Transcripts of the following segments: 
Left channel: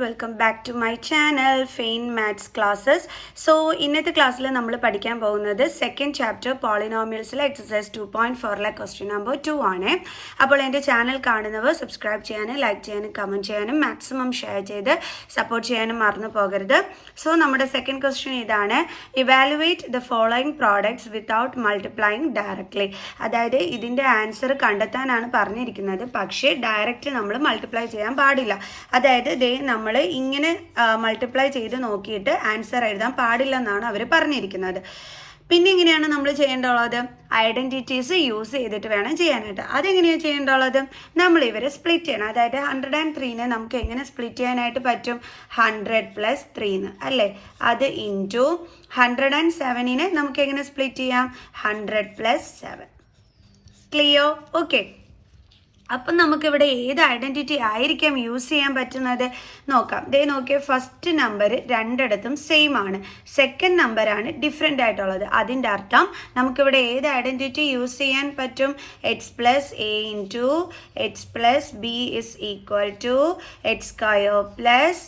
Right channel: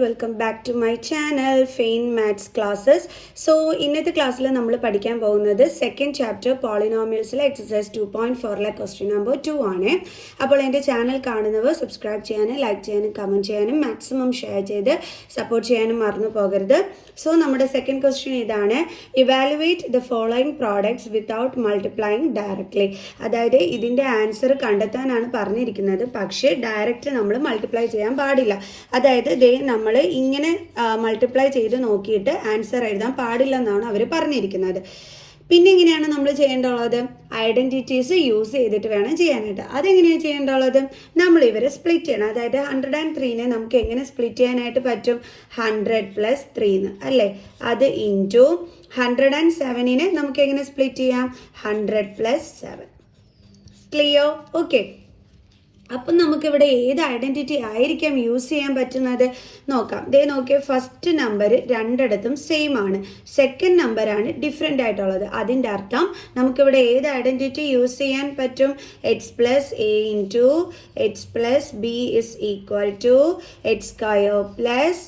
Welcome back to my channel fine maths classes. So ഇന്നത്തെ ക്ലാസ്സിൽ നമ്മൾ പഠിക്കാൻ പോകുന്നത് സെക്കൻഡ് ചാപ്റ്റർ പോളിനോമിയൽസിലെ എക്സസൈസ് 2.4 ക്വസ്റ്റ്യൻ നമ്പർ 2 ആണ്. അപ്പോൾ എൻ്റെ ചാനൽ കാണുന്നവർ സബ്സ്ക്രൈബ് ചെയ്യാനും ലൈക്ക് ചെയ്യാനും കമൻറ്റ് ചെയ്യാനും മാക്സിമം ഷെയർ ചെയ്ത് സപ്പോർട്ട് ചെയ്യാനും മറന്നു പോകരുത്. സോ നമ്മുടെ സെക്കൻഡ് ക്വസ്റ്റ്യൻ ഇതാണ്: evaluate the following products without multiplying directly. അതായത് ഇതിൻ്റെ ആൻസർ കണ്ടെത്താനാണ് പറഞ്ഞിരിക്കുന്നത്, പക്ഷേ ഡയറക്റ്റ് നമ്മൾ മൾട്ടിപ്ലൈ ചെയ്യാൻ പാടില്ല. അതായത് നമ്മൾ ഇങ്ങനെ മൾട്ടിപ്ലൈ ചെയ്ത് നോക്കിയിട്ട് ആൻസർ എഴുതാൻ പാടില്ല എന്നാണ് അവർ പറഞ്ഞിരിക്കുന്നത്. പിന്നെ എങ്ങനെയാണ് നമ്മൾ ചെയ്യേണ്ടുള്ളത്? ഐഡന്റിറ്റീസ് യൂസ് ചെയ്തിട്ട് വേണം ചെയ്യാനായിട്ട്. അതെങ്ങനെയാണ് ചെയ്യേണ്ടുള്ളത്? നമ്മൾ ഇവരെ സ്പ്ലിറ്റ് ചെയ്യണം. അതായത് 103നെ നമുക്ക് എങ്ങനെ സ്പ്ലിറ്റ് ചെയ്യാനായിട്ട് പറ്റും? 100 + 3 അല്ലേ? അത് ഇൻറ്റു 107നെ നമുക്ക് എങ്ങനെ സ്പ്ലിറ്റ് ചെയ്യാം? 100 + 7. ക്ലിയർ? ഓക്കെ. അപ്പം നമുക്കിവിടെ ഏത് ഐഡന്റിറ്റി ആയിരിക്കാം യൂസ് ചെയ്യാൻ പറ്റുന്നത് നോക്കാം. നോക്കിയാൽ ഫസ്റ്റ് നമ്പർ രണ്ടിടത്തും സെയിം ആണ്, സെക്കൻഡ് നമ്പറാണ് ഡിഫറെൻ്റ് ആയിട്ടുള്ളത്. അതിൻ്റെ അർത്ഥം നമുക്കിവിടെ ഏത് ഐഡന്റിറ്റി യൂസ് ചെയ്യാൻ പറ്റും? x + a × x + b = x²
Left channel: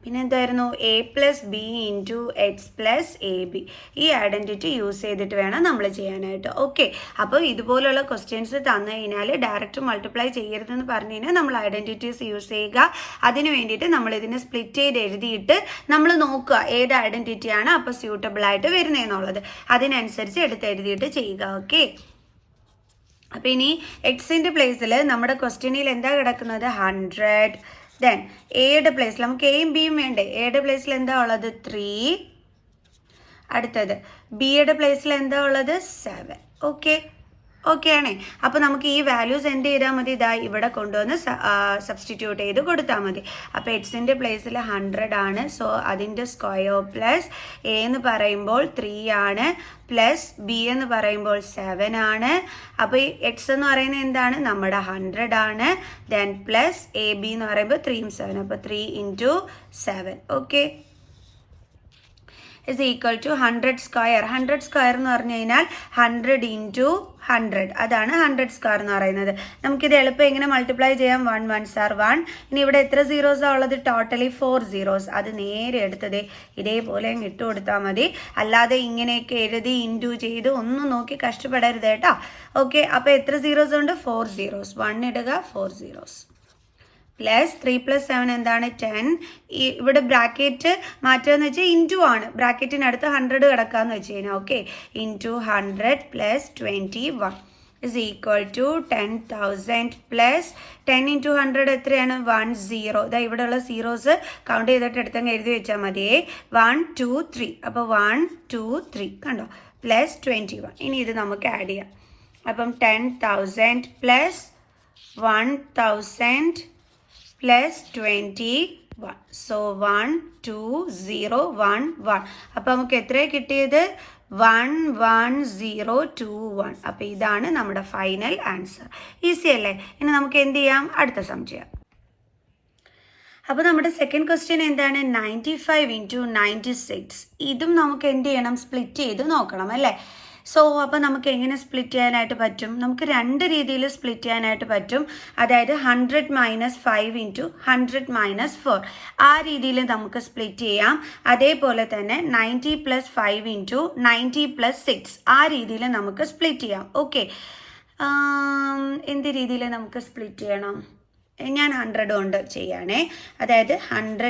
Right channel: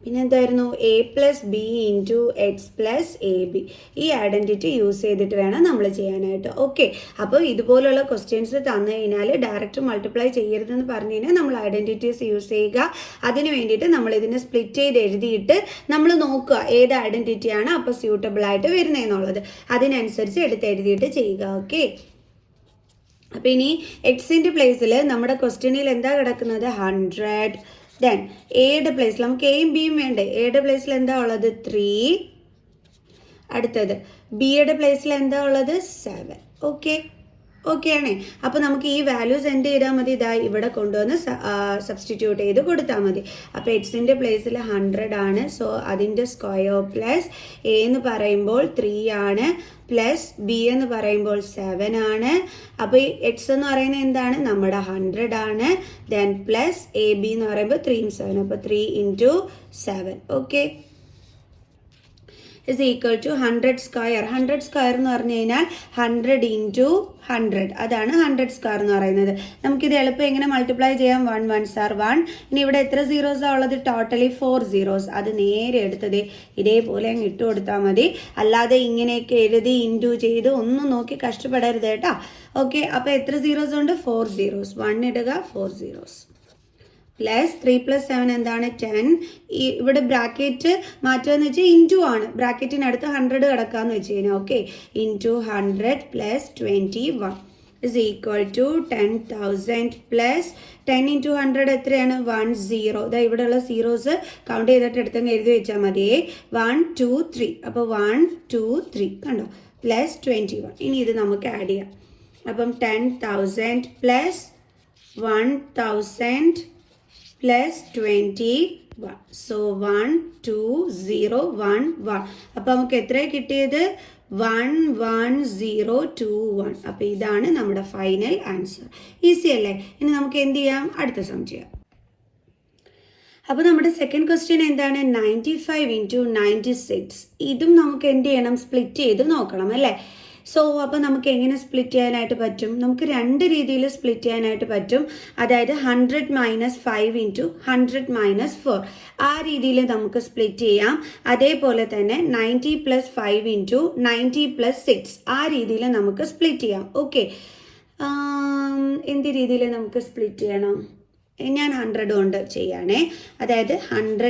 പിന്നെ എന്തായിരുന്നു? a + b × x + ab. ഈ ഐഡന്റിറ്റി യൂസ് ചെയ്തിട്ട് വേണം നമ്മൾ ചെയ്യാനായിട്ട്. ഓക്കെ. അപ്പോൾ ഇതുപോലുള്ള ക്വസ്റ്റ്യൻസ് തന്നു കഴിഞ്ഞാൽ ഡയറക്റ്റ് മൾട്ടിപ്ലൈ ചെയ്യരുതെന്ന് പറഞ്ഞു കഴിഞ്ഞാൽ നമ്മൾ ഐഡന്റിറ്റീസ് യൂസ് ചെയ്യുക. അതിന് വേണ്ടിയിട്ട് നമ്മൾ ഇതിനെ സ്പ്ലിറ്റ് ചെയ്ത് എഴുതിയിട്ട് നമ്മൾ നോക്കുക ഏത് ഐഡന്റിറ്റിയാണ് അപ്പോൾ സ്യൂട്ടബിൾ ആയിട്ട് വരുന്നതെന്നുള്ളത്. അതിനനുസരിച്ച് എടുത്ത് എഴുതിയിട്ട് ചെയ്യുക. ഓക്കെ. അപ്പം ഇനി എക്സിൻ്റെ പ്ലേസിൽ നമ്മുടെ ക്വസ്റ്റ്യനിൽ എന്താ കിടക്കുന്നത്? 100. ദെൻ എയുടെ പ്ലേസിൽ നമുക്ക് എയും ബിയും വേണ്ടേ? എയുടെ പ്ലേസിൽ എന്താ ഉള്ളത്? 3. അടുത്തത് ബിയുടെ പ്ലേസിൽ എന്താ ഉള്ളത്? 7. ഓക്കെ ആണേ. അപ്പോൾ നമുക്ക് ഈ വാല്യൂസ് എന്ത് ചെയ്താൽ മതി? ഇതാ ഇവിടെ കൊണ്ടുവന്ന് സബ്സ്റ്റിറ്റ്യൂട്ട് ചെയ്ത് കൊടുത്താൽ മതി. അപ്പോൾ എക്സിൻ്റെ പ്ലേസിൽ 100 ആണ്. സോ അതിൻ്റെ സ്ക്വയർ പ്ലസ് എ എന്ന് പറയുമ്പോൾ 3 ആണ്, പ്ലസ് ബി എന്ന് പറയുമ്പോൾ 7 ആണ്. അപ്പോൾ ഈ എക്സ് എന്ന് പറയുന്നത് എന്താണ്? നമ്മുടെ 100 ആണ്. ദെൻ പ്ലസ് എ ബി എന്ന് പറയുമ്പോൾ 3 × 7. അപ്പോൾ 3 × 7. ഓക്കെ. is equal to 100². 100² എന്ന് പറഞ്ഞു കഴിഞ്ഞാൽ 100 × 100. അതാണ് 100² എന്ന് പറയുന്നത്. നമുക്കിത് എളുപ്പം എങ്ങനെ മൾട്ടിപ്ലൈ ചെയ്യാം? 1 1s are 1. ഇനി ഇവിടെ എത്ര സീറോസാണ് ഉള്ളത്? Totally 4 zeros. അത് നേരെ എടുത്തത് ഇതേപോലെ അങ്ങ് ഇട്ട് കൊടുത്താൽ മതി. അല്ലാതെ ഇങ്ങനെയൊക്കെ എഴുതി ഇൻറ്റു ചെയ്ത് ഒന്നും നോക്കി കഷ്ടപ്പെടരുത് കേട്ടോ. ഓക്കെ. അപ്പോൾ എത്ര സീറോസ് ഉണ്ട്? 4 zeros. 1 ഇടുക, 4 zeros. പ്ലസ് 3 + 7 എന്താണ്? 10. ഇവിടെ ബ്രാക്കറ്റ് മാറ്റുകയെന്ന് വെച്ചാൽ ഇൻറ്റു ആണ്. ബ്രാക്കറ്റിനടുത്ത് 100 കിടക്കാന്ന് വെച്ച് കഴിഞ്ഞാൽ ഓക്കെ. ഇൻറ്റു 100 + 21 = 10,000 പ്ലസ് 10 × 100 എത്രയാണ്? 10. ഇതാ ഇവിടെയുള്ള സീറോസ് കൗണ്ട് ചെയ്തിട്ട് എടുത്തങ്ങ് എഴുതി വെച്ചാൽ മതിയേ. 1 2 3. അപ്പോൾ 1 2 3 കണ്ടോ? പ്ലസ് 21. ഇനി ഇത് നമുക്ക് ആഡ് ചെയ്യാം. അപ്പം 10,000 പ്ലസ് 1,000 പ്ലസ് 21. സോ 1 2 0 1 1. അപ്പം നമുക്ക് എത്രയാണ് കിട്ടിയത്? 1 1 0 2 1. അപ്പം ഇതാണ് നമ്മുടെ ഫൈനൽ ആൻസർ. ഈസി അല്ലേ? ഇനി നമുക്ക് എന്ത് ചെയ്യാം? അടുത്ത സം ചെയ്യാം. അപ്പോൾ നമ്മുടെ സെക്കൻഡ് ക്വസ്റ്റ്യൻ എന്താണ്? 95 × 96. ഇതും നമുക്ക് എന്ത് ചെയ്യണം? സ്പ്ലിറ്റ് ചെയ്ത് നോക്കണം അല്ലേ? സോ അപ്പോൾ നമുക്ക് എങ്ങനെ സ്പ്ലിറ്റ് ചെയ്യാനായിട്ട് പറ്റും? നമുക്ക് രണ്ട് രീതിയിൽ സ്പ്ലിറ്റ് ചെയ്യാനായിട്ട് പറ്റും. അതായത് 100 - 5 × 100 - 4 ആ രീതിയിൽ നമുക്ക് സ്പ്ലിറ്റ് ചെയ്യാം. അതേപോലെ തന്നെ 90 + 5 × 90 + 6 ആ രീതിയിൽ നമുക്ക് സ്പ്ലിറ്റ് ചെയ്യാം. ഓക്കെ. എന്ത് രീതിയിൽ നമുക്ക് സ്പ്ലിറ്റ് ചെയ്യണം? ഞാൻ 100 കൊണ്ട് ചെയ്യാനേ. അതായത് 100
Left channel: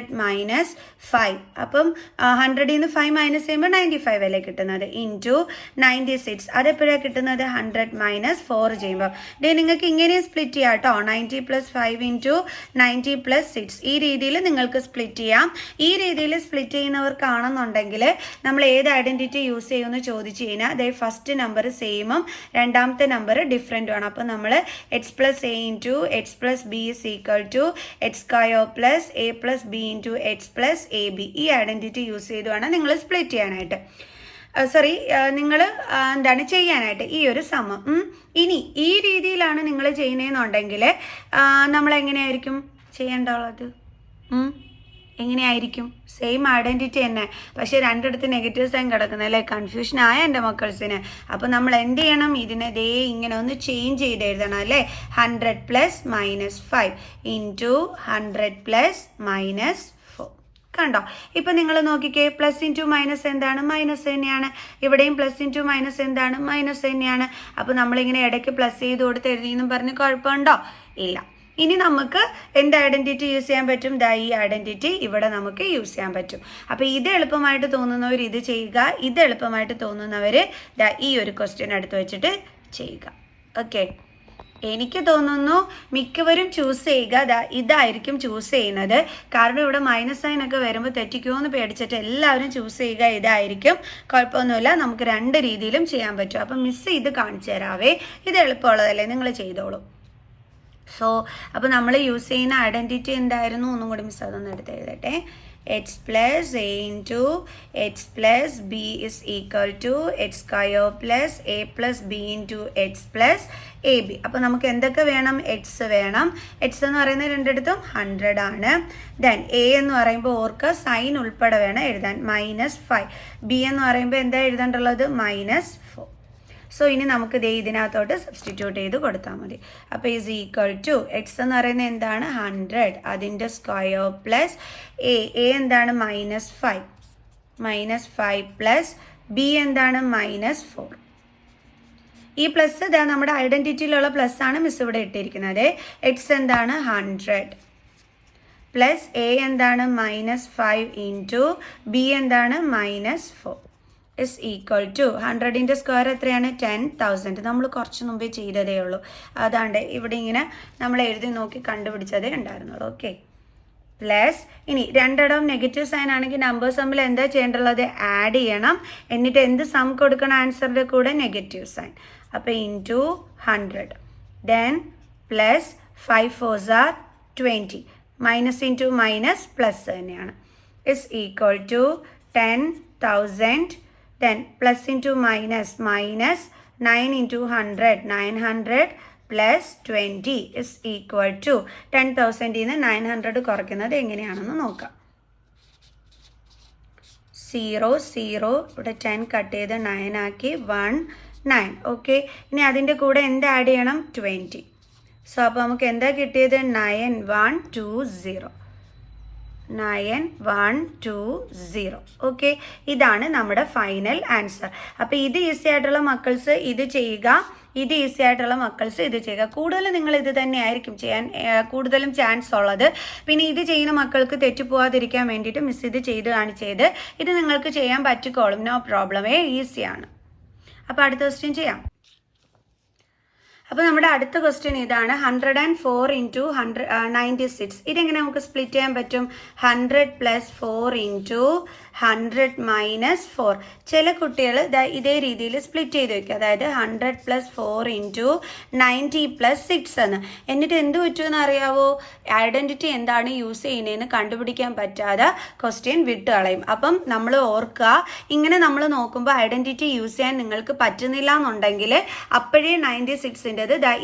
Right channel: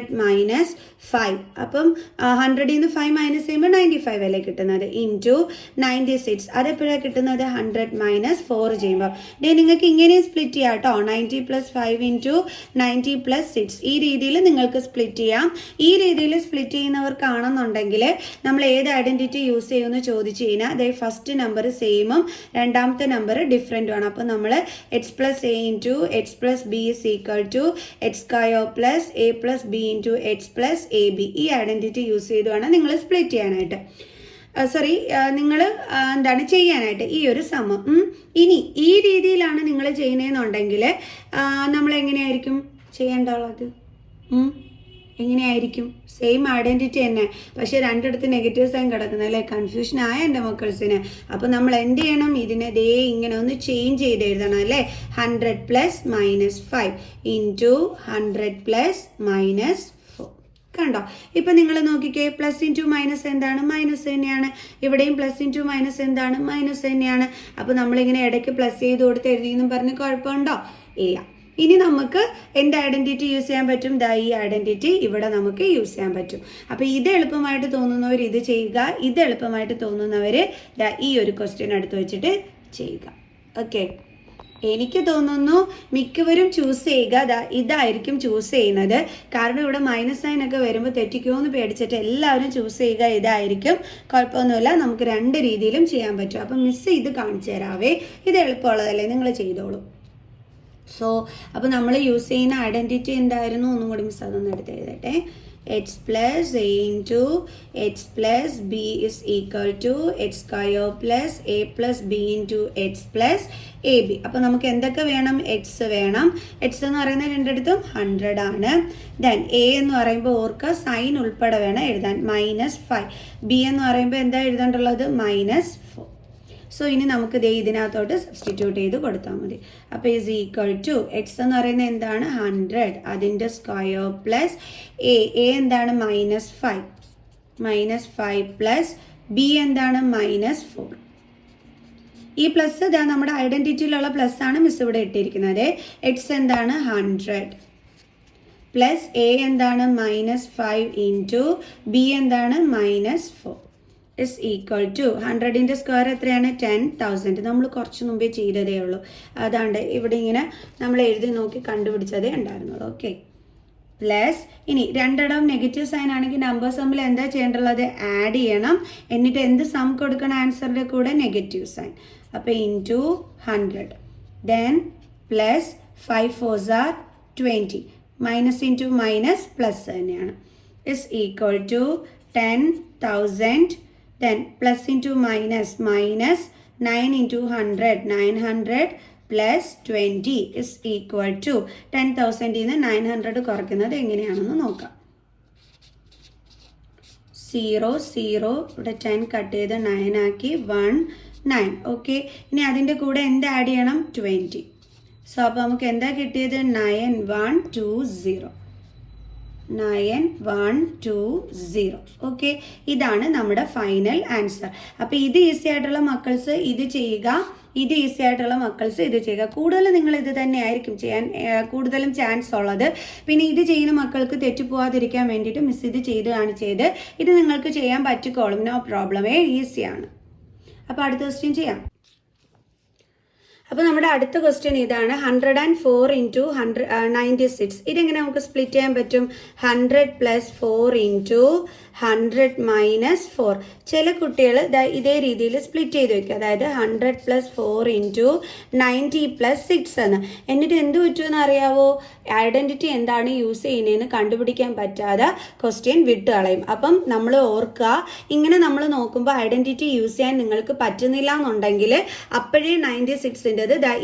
- 5. അപ്പം 100ൽ നിന്ന് 5 മൈനസ് ചെയ്യുമ്പോൾ 95 അല്ലേ കിട്ടുന്നത്? ഇൻറ്റു 96. അതെപ്പോഴാണ് കിട്ടുന്നത്? 100 - 4 ചെയ്യുമ്പോൾ. നിങ്ങൾക്ക് ഇങ്ങനെ സ്പ്ലിറ്റ് ചെയ്യാം കേട്ടോ. 90 + 5 × 90 + 6 ഈ രീതിയിൽ നിങ്ങൾക്ക് സ്പ്ലിറ്റ് ചെയ്യാം. ഈ രീതിയിൽ സ്പ്ലിറ്റ് ചെയ്യുന്നവർക്കാണെന്നുണ്ടെങ്കിൽ നമ്മൾ ഏത് ഐഡന്റിറ്റി യൂസ് ചെയ്യുമെന്ന് ചോദിച്ചു കഴിഞ്ഞാൽ അതായത് ഫസ്റ്റ് നമ്പർ സെയിമും രണ്ടാമത്തെ നമ്പർ ഡിഫറെൻറ്റുമാണ്. അപ്പോൾ നമ്മൾ x + a × x + b = x² + a + b × x + ab. ഈ ഐഡന്റിറ്റി യൂസ് ചെയ്ത് വേണം നിങ്ങൾ സ്പ്ലിറ്റ് ചെയ്യാനായിട്ട്. നിങ്ങൾ എന്താണ് ചെയ്യാനായിട്ട് ഈ ഒരു സമം. ഇനി ഈ രീതിയിലാണ് നിങ്ങൾ ചെയ്യുന്നതെന്നുണ്ടെങ്കിൽ നമ്മൾ എങ്ങനെയായിരിക്കും ചെയ്യേണ്ടത്? എങ്ങനെയായിരിക്കും? സെയിം ഐഡൻറ്റിറ്റി തന്നെ, പക്ഷേ രണ്ടിടത്ത് നെഗറ്റീവ് സൈൻ കിടക്കുന്നത് അല്ലേ? കൺഫ്യൂഷൻ ആയ എൻ്റെ മക്കൾസിന്. അപ്പോൾ നമ്മൾ എന്ത് ചെയ്യണം? ഇതിനെ ദേ ഇങ്ങനെ ഒന്ന് ചേഞ്ച് ചെയ്ത് എഴുതണം അല്ലേ? 100 + -5 ഇൻറ്റു 100 + -4. കണ്ടോ? ഇപ്പം നിങ്ങൾ നോക്കിക്കേ, പ്ലസ് ഇൻറ്റു മൈനസ് എന്താണ്? മൈനസ് തന്നെയാണ്. ഇവിടെയും പ്ലസ് ഇൻറ്റു മൈനസ് എന്താണ്? മൈനസ് തന്നെയാണ്. അപ്പോൾ നമ്മളിങ്ങനെ ഇടയ്ക്ക് പ്ലസ് ചെയ്ത് കൊടുത്ത് എഴുതിയെന്നും പറഞ്ഞ് കുഴപ്പമുണ്ടോ? ഇല്ല. ഇനി നമുക്ക് എന്ത് ഐഡൻറ്റിറ്റി യൂസ് ചെയ്യാൻ പറ്റും? ഈ ഐഡൻറ്റിറ്റി ഇവിടെ നമുക്ക് യൂസ് ചെയ്യാൻ പറ്റും. അപ്പോൾ ഇത് എളുപ്പമായിട്ട് തോന്നുന്നവർ ഇത് ചെയ്യുക, ഇത് എളുപ്പമായിട്ട് തോന്നുന്നവർ ഈ ഒരു ക്വസ്റ്റ്യൻ എടുത്ത് വെച്ചിട്ട് ചെയ്യുക. ഓക്കെ, എനിക്ക് തോന്നുന്നു മിക്കവരും ചൂസ് ചെയ്യുക ഇതായിരിക്കും ചൂസ് ചെയ്യുന്നത്. കാരണം ഇവിടെ മൈനസ് സൈൻ ഒക്കെ വരുമ്പോൾ തെറ്റിക്കുമെന്ന് പേടിച്ചിട്ട് എല്ലാവരും ചൂസ് ചെയ്യുക ഇതായിരിക്കും. കുഴപ്പമൊന്നുമില്ല, നമുക്ക് രണ്ട് രീതിയിലും ചെയ്യാൻ പറ്റും. അപ്പം മിസ് ഇത് കാണിച്ചു തരാവേ, ഇത് എളുപ്പമുള്ളതല്ലേ, നിങ്ങൾ ചെയ്തോളൂ. സോ അപ്പോൾ നമ്മൾ യൂസ് ചെയ്യുന്ന ഐഡൻറ്റിറ്റി എന്തായിരുന്നു? ഒന്നും കൂടി മിസ് അതൊന്നും എടുത്ത് എഴുതട്ടെ. x plus a into x plus b is equal to x square plus a plus b into x plus ab. അപ്പോൾ നമുക്ക് എന്തൊക്കെ വേണം? x വേണം. x എന്ന് പറയുന്നത് രണ്ടിടത്തും 100 ആണ്. ദെൻ a എന്ന് പറയുമ്പോൾ ഓർക്കുക സൈൻ ഉൾപ്പെടെ വേണം എഴുതാൻ, -5. b എന്ന് പറയുമ്പോൾ എന്താ എഴുതേണ്ടുള്ളത്? -4. സോ ഇനി നമുക്ക് ഇതിനകത്തോട്ട് സബ്സ്റ്റിറ്റ്യൂട്ട് ചെയ്ത് കൊടുത്താൽ മതി. അപ്പോൾ ഈസ് ഈക്വൽ ടു എക്സ് എന്ന് പറയുന്നത് എന്താണ്? 100, അതിൻ്റെ സ്ക്വയർ പ്ലസ് എ എന്താണ്? -5. -5 പ്ലസ് ബി എന്താണ്? -4. ഈ പ്ലസ് ഇതാ നമ്മുടെ ഐഡൻറ്റിറ്റിയിലുള്ള പ്ലസ് ആണ് മിസ് ഇവിടെ ഇട്ടിരിക്കുന്നത്. എക്സ് എന്താണ്? 100 പ്ലസ് എ എന്താണ്? -5 ഇൻറ്റു ബി എന്താണ്? -4 is equal to 100ൻ്റെ സ്ക്വയർ എത്രയാണ്? 10,000. നമ്മൾ കുറച്ച് മുമ്പേ ചെയ്തതേ ഉള്ളൂ. അതാണ്ട് ഇവിടെ ഇങ്ങനെ നമ്മൾ എഴുതി നോക്കി കണ്ടുപിടിച്ചതേ ഉണ്ടായിരുന്നുള്ളൂ. ഓക്കെ, പ്ലസ് ഇനി രണ്ടിടം നെഗറ്റീവ് സൈൻ ആണെങ്കിൽ നമ്പേഴ്സ് തമ്മിൽ എന്താ ചെയ്യേണ്ടുള്ളത്? ആഡ് ചെയ്യണം. എന്നിട്ട് എന്ത് സം കൊടുക്കണം ആൻസറിൻ്റെ കൂടെ? Negative sign. അപ്പോൾ into 100, then plus 5 4s are 20, minus into minus plus തന്നെയാണ്, is equal to 10,000. Then plus into minus, minus 9 into 100, 900 plus 20 is equal to 10,000 in 900 കുറയ്ക്കുന്നത് എങ്ങനെയാണെന്ന് നോക്കാം. 0 0 ഇവിടെ 10 കട്ട് ചെയ്ത് 9 ആക്കി 1 9. ഓക്കെ, ഇനി അതിൻ്റെ കൂടെ എന്ത് ആഡ് ചെയ്യണം? 20. സോ അപ്പോൾ നമുക്ക് എന്താ കിട്ടിയത്? 9120. 9120. ഓക്കെ, ഇതാണ് നമ്മുടെ ഫൈനൽ ആൻസർ. അപ്പോൾ ഇത് ഈസി ആയിട്ടുള്ള മക്കൾസ് ഇത് ചെയ്യുക, ഇത് ഈസി ആയിട്ടുള്ള മക്കൾസ് ഇത് ചെയ്യുക. കൂടുതൽ നിങ്ങൾ ഇത് തന്നെ ആയിരിക്കും ചെയ്യാൻ കൂടുതലും ചാൻസ് ഉള്ളത്. പിന്നെ ഇത് ചെയ്യുന്ന മക്കൾക്ക് തെറ്റിപ്പോവാതിരിക്കാൻ വേണ്ടിയിട്ട് മിസ് ഇത് ചെയ്ത് കാണിച്ചത്. ഇത് നിങ്ങൾക്ക് ചെയ്യാൻ പറ്റിക്കോളും, നോ പ്രോബ്ലം, ഈസിയാണ്. അപ്പോൾ അടുത്ത ക്വസ്റ്റ്യൻ ചെയ്യാം. അപ്പോൾ നമ്മുടെ അടുത്ത ക്വസ്റ്റ്യൻ ഇതാണ്. 104 ഇൻറ്റു 96. ഇതെങ്ങനെ നമുക്ക് സ്പ്ലിറ്റ് ചെയ്യാൻ പറ്റും? 100 + 4 ഇൻറ്റു 100 - 4. ചില കുട്ടികൾ ഇതേ രീതിയിൽ സ്പ്ലിറ്റ് ചെയ്ത് വയ്ക്കും. അതായത് 100 + 4 ഇൻറ്റു 90 + 6 എന്ന്. എന്നിട്ട് എന്ത് പറ്റുമെന്ന് അറിയാവോ? ഐഡൻറ്റിറ്റി എന്താണ് യൂസ് ചെയ്യുന്നതെന്ന് കണ്ടുപിടിക്കാൻ പറ്റാതെ ക്വസ്റ്റ്യൻ വിട്ട് കളയും. അപ്പം നമ്മൾ ഓർക്കുക, ഇങ്ങനെ നമ്മൾ നോക്കുമ്പോൾ ഐഡൻറ്റിറ്റി യൂസ് ചെയ്യാൻ നിങ്ങൾക്ക് പറ്റുന്നില്ല എന്നുണ്ടെങ്കിൽ അപ്പോഴേ 96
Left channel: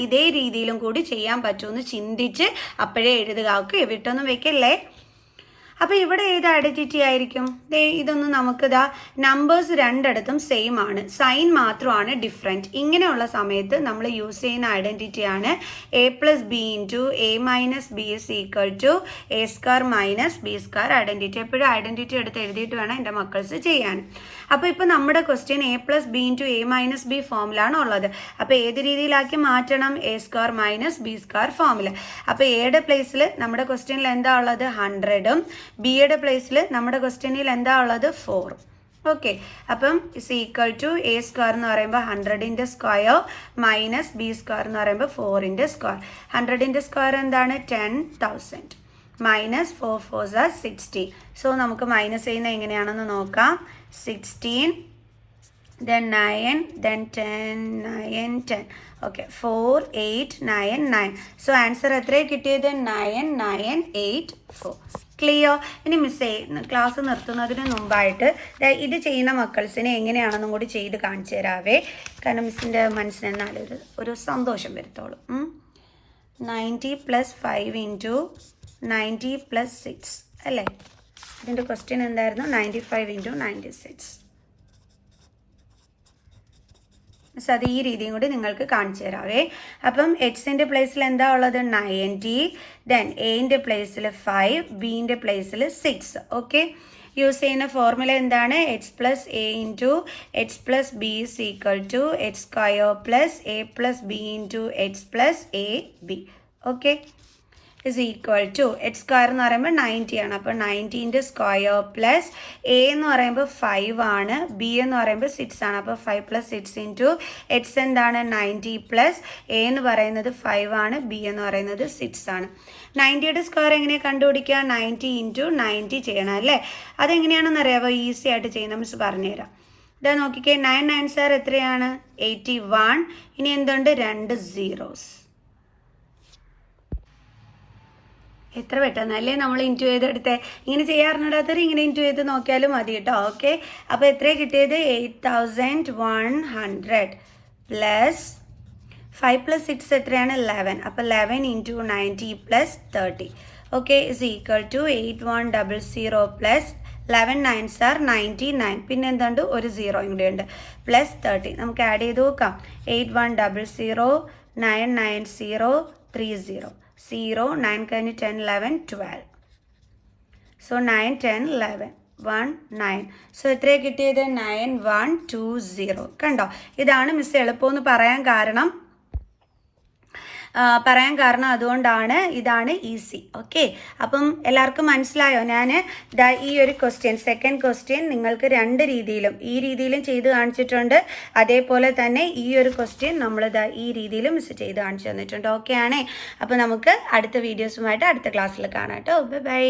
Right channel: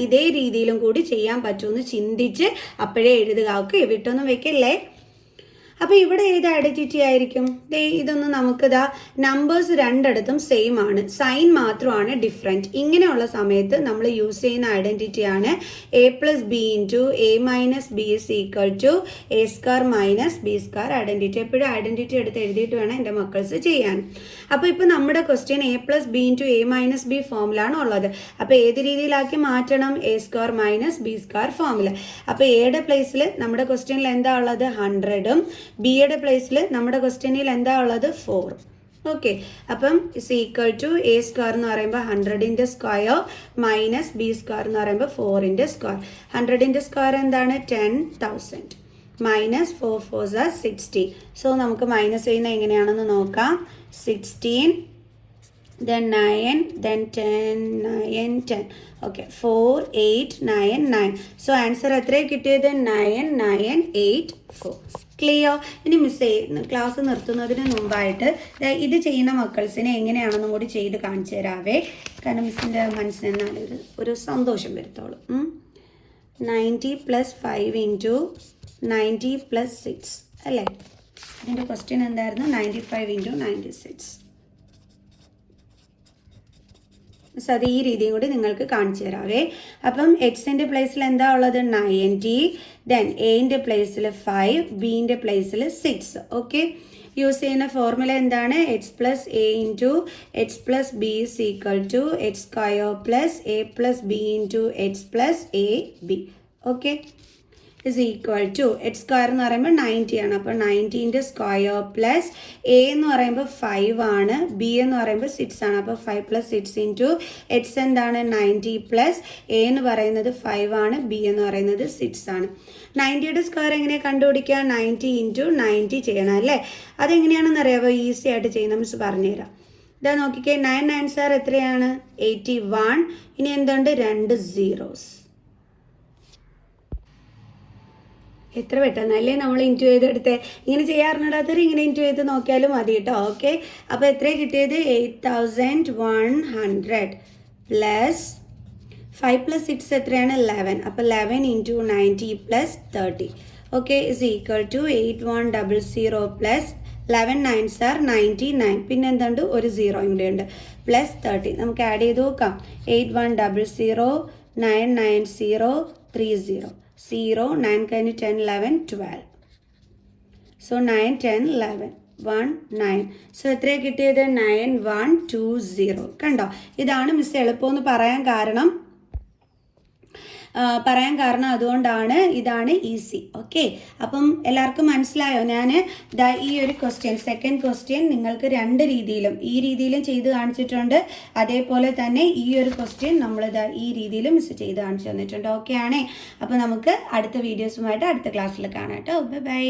ഇതേ രീതിയിലും കൂടി ചെയ്യാൻ പറ്റുമെന്ന് ചിന്തിച്ച് അപ്പോഴേ എഴുതുക. ഓക്കെ, വിട്ടൊന്നും വെക്കല്ലേ. അപ്പോൾ ഇവിടെ ഏത് ഐഡൻറ്റിറ്റി ആയിരിക്കും? ഇതൊന്നും നമുക്കിതാ നമ്പേഴ്സ് രണ്ടിടത്തും സെയിം ആണ്, സൈൻ മാത്രമാണ് ഡിഫറെൻറ്റ്. ഇങ്ങനെയുള്ള സമയത്ത് നമ്മൾ യൂസ് ചെയ്യുന്ന ഐഡൻറ്റിറ്റിയാണ് a + b into a - b is equal to a square minus b square identity. എപ്പോഴും ഐഡൻറ്റിറ്റി എടുത്ത് എഴുതിയിട്ട് വേണം എൻ്റെ മക്കൾസ് ചെയ്യാൻ. അപ്പോൾ ഇപ്പോൾ നമ്മുടെ question a + b into a - b ഫോമിലാണ് ഉള്ളത്. അപ്പോൾ ഏത് രീതിയിലാക്കി മാറ്റണം? a square minus b square ഫോമിൽ. അപ്പോൾ എയുടെ പ്ലേസിൽ നമ്മുടെ ക്വസ്റ്റ്യനിൽ എന്താ ഉള്ളത്? 100ഉം ബിയുടെ പ്ലേസിൽ നമ്മുടെ ക്വസ്റ്റ്യനിൽ എന്താ ഉള്ളത്? 4. ഓക്കെ, അപ്പം is equal to a square എന്ന് പറയുമ്പോൾ 100ൻ്റെ സ്ക്വയർ മൈനസ് b സ്ക്വയർ എന്ന് പറയുമ്പോൾ 4ൻ്റെ സ്ക്വയർ. 100ൻ്റെ സ്ക്വയർ എന്താണ്? 10,000 മൈനസ് 4 4s are 60. സോ നമുക്ക് മൈനസ് ചെയ്യുന്ന എങ്ങനെയാണെന്ന് നോക്കാം. 16, then 9, then 10, 9 10. Okay, 4 8 9 9. So answer എത്രയാണ് കിട്ടിയത്? 9984. ക്ലിയർ? ഇനി മിസ് ക്ലാസ് നിർത്തുന്നതിന് മുമ്പായിട്ട് ഇത് ചെയ്യുന്ന മക്കൾസിനെ എങ്ങനെയാണെന്നും കൂടി ചെയ്ത് കാണിച്ചു തരാവേ. കാരണം മിസ്സിൻ്റെ മനസ്സിനെന്നാലും ഒരു സന്തോഷം വരുത്തോളൂ. 90 + 5 ഇൻറ്റു 90 + 6 അല്ലേ? ഇതിൻ്റെ ക്വസ്റ്റ്യൻ എന്തായിരുന്നു? 95 × 96. സോ അത് ഈ രീതിയും കൂടി നിങ്ങൾക്ക് കാണിച്ചു തരാവേ. അപ്പം എക്സിൻ്റെ പ്ലേസിൽ എന്താ ഉള്ളത്? 90. ദെൻ എന്റെ പ്ലേസിൽ 5, ബിൻ്റെ പ്ലേസിൽ 6. ഓക്കെ, യൂസ് ചെയ്യുന്ന ഫോർമുല എന്താണ്? X plus a into x plus b is equal to x square plus a plus b into x plus a b. Okay, is equal to x square എന്ന് പറയുമ്പോൾ 90 ആണ്. അപ്പോൾ 90ൻ്റെ സ്ക്വയർ പ്ലസ് എ എന്ന് പറയുമ്പോൾ 5 ആണ്, B എന്ന് പറയുമ്പോൾ 6 ആണ്. അപ്പോൾ 5 + 6 ഇൻറ്റു എക്സ് എന്താണ്? 90 പ്ലസ് എ എന്ന് പറയുന്നത് 5 ആണ്, ബി എന്ന് പറയുന്നത് 6 ആണ്. 90യുടെ സ്ക്വയർ എങ്ങനെയാണ് കണ്ടുപിടിക്കുക? 90 × 90 ചെയ്യണം അല്ലേ? അതെങ്ങനെയാണെന്ന് അറിയാമോ? ഈസി ആയിട്ട് ചെയ്യുന്ന മിസ് പറഞ്ഞുതരാം. ഇതാ നോക്കിക്കേ, 9 9 സാർ എത്രയാണ്? 81. ഇനി എന്തുണ്ട്? 2 zeros. എത്ര പെട്ടെന്നല്ലേ നമ്മൾ ഇൻറ്റു ചെയ്തെടുത്തേ. ഇങ്ങനെ ചെയ്യാറുണ്ടാത്തവർ ഇങ്ങനെ ഇൻറ്റു ചെയ്ത് നോക്കിയാലും മതി കേട്ടോ. ഓക്കെ, അപ്പോൾ എത്രയാണ് കിട്ടിയത്? 8100 പ്ലസ് 5 + 6 എത്രയാണ്? 11. അപ്പോൾ 11 × 90 + 30. Okay, is equal to 8100 plus 11 9s are 99. പിന്നെ എന്തുണ്ട്? ഒരു 0 ഇവിടെ ഉണ്ട്. പ്ലസ് 30. നമുക്ക് ആഡ് ചെയ്ത് നോക്കാം. 8100 990 30 0 9 കഴിഞ്ഞ് 10 11 12. സോ 9 10 11 1 9. സോ എത്രയാണ് കിട്ടിയത്? 9120. കണ്ടോ? ഇതാണ് മിസ് എളുപ്പമെന്ന് പറയാൻ കാരണം അതുകൊണ്ടാണ്. ഇതാണ് ഈസി. ഓക്കെ, അപ്പം എല്ലാവർക്കും മനസ്സിലായോ? ഞാൻ ഈ ഒരു ക്വസ്റ്റ്യൻ, സെക്കൻഡ് ക്വസ്റ്റ്യൻ നിങ്ങൾക്ക് 2 രീതിയിലും, ഈ രീതിയിലും ചെയ്ത് കാണിച്ചിട്ടുണ്ട്. അതേപോലെ തന്നെ ഈ ഒരു ക്വസ്റ്റ്യൻ നമ്മൾ ഈ രീതിയിലും മിസ് ചെയ്ത് കാണിച്ചു തന്നിട്ടുണ്ട്. ഓക്കെ ആണേ. അപ്പോൾ നമുക്ക് അടുത്ത വീഡിയോസുമായിട്ട് അടുത്ത ക്ലാസ്സിൽ കാണാം കേട്ടോ. ബൈ.